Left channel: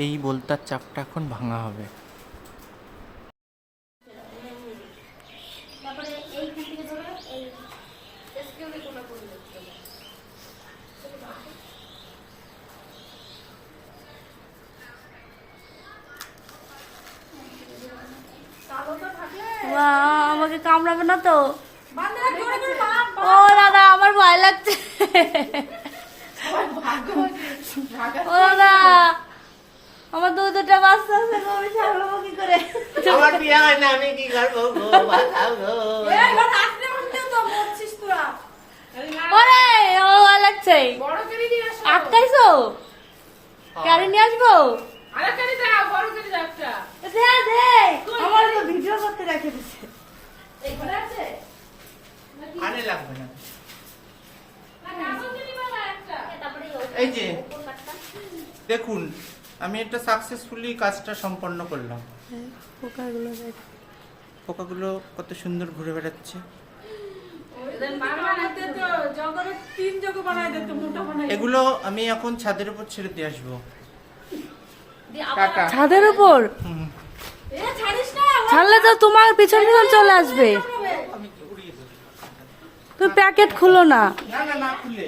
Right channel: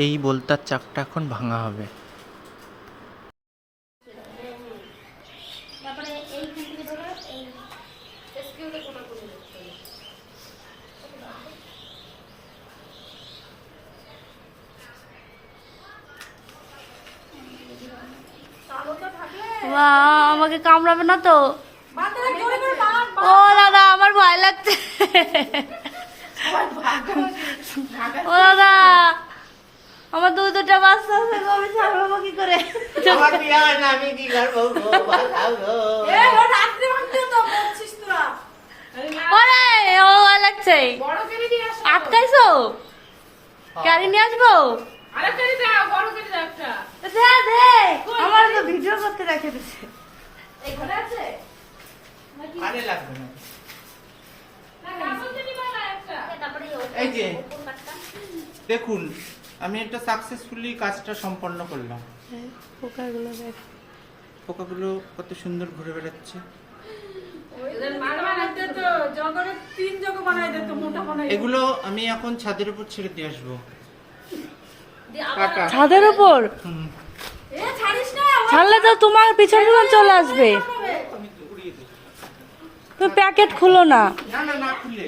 এই বলতার চাকটা এখন ভাঙা হবে। আমাকে কামড়াবে না তো? ও দাদা আমার ভয় লাগছে। ও দাদা আমার দুটা বাচ্চা আছে, আমি ছাড়বো কি করে? আমার বিয়ে হয় না, আমি কি করবো গো? বাঁচাও গো। ওরে ও ভয় লাগছে। আটকাইছো? গাড়ি নিয়ে আসবো? আমার তো ভিডিও করতে রেখে দিচ্ছে। আরে লাগবে না। এই যে দেখুন, আমি একটা সাকসেসফুলি কাজটা সম্পন্ন করলাম। পোকাগুলো দেখ, পোকাগুলো কত সুন্দর ঘুরে বেড়াচ্ছে। এগুলো আমি এখন ছাদের উপর ছেড়ে দিয়ে আসবো। ছাদের উপর ছাড়লে তো তোমার পিছন পিছন চলে আসবে। তুমি প্যাকেট খুলো না। না না না খুলে